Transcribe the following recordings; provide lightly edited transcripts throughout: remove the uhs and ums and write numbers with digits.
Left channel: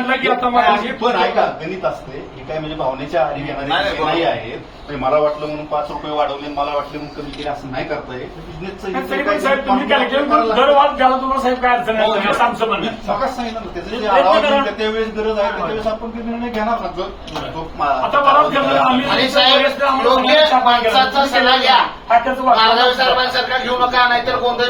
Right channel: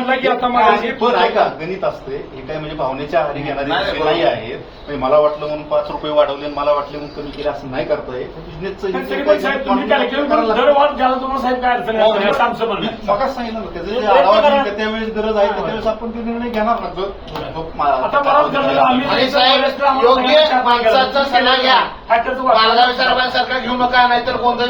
म्हटलं की आता पण ऐका गणित असते हे काय म्हणजे भावनेच्या आधी घेणारे नाही आहेत. म्हणजे मला वाटलं म्हणून 5 रुपये वाढवले, मला वाटलं म्हणून कमी केले असं नाही करता येत. साहेब तुम्ही दर वाद घ्याला तुम्हाला साहेब काय अडचण नाही सांगतो म्हणून मगाच सांगितलं ना त्याचं जे आढावा घेईल त्यावेळेस गरज आहे त्यावेळेस आपण ते निर्णय घेणार ना. आता माणसाचा सल्ला घ्या. मालगाव सरकार घेऊ नका, नाहीतर गोंधळ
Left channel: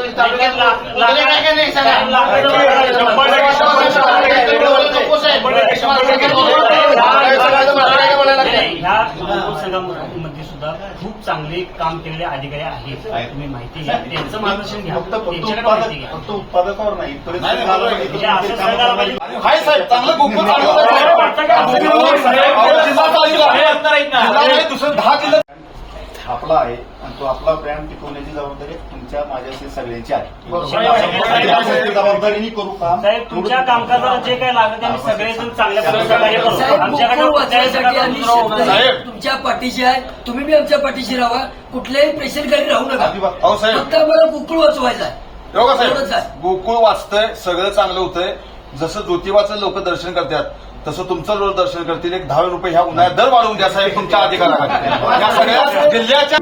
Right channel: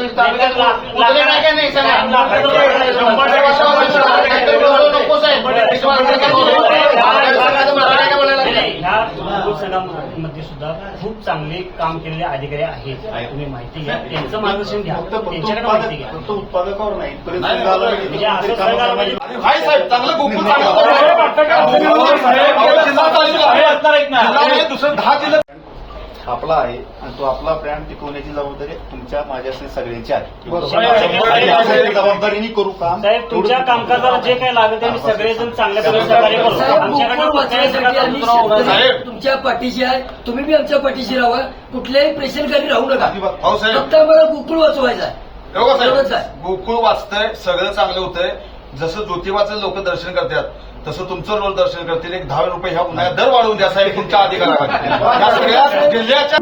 मध्ये सुद्धा खूप चांगले काम केलेले अधिकारी आहेत. तुम्ही माहिती घ्या, त्यांचं मार्गदर्शन घ्या, त्यांच्याकडे माहिती घ्या. फक्त उत्पादकावर नाही आपला आहे आणि तो आपला ब्रँड टिकवण्याची जबाबदारी तुमच्या माझ्या सगळ्यांची आहे. जबाबदारीने करू काम. तुमच्या कामकाजाला जे काय लागत आहे सगळेजण चांगल्या तुमच्या पाठीशी आहे. तुम्ही बी आमच्या पाठीशी राहा. कुठल्याही प्रेशरखाली राहू नका. फक्त मला गोकुळ वाचवायचा आहे. गोकुळ वाचतंय, सगळं चांगलं होतंय. जसं ज्योतिबाचं लोक दर्शन करतात तसं तुमचं लोक दर्शन करतील. एक 10 रुपये ह्या उन्हाळ्यात दर वाढवून द्यायचा एक तुमचा अधिकार आहे.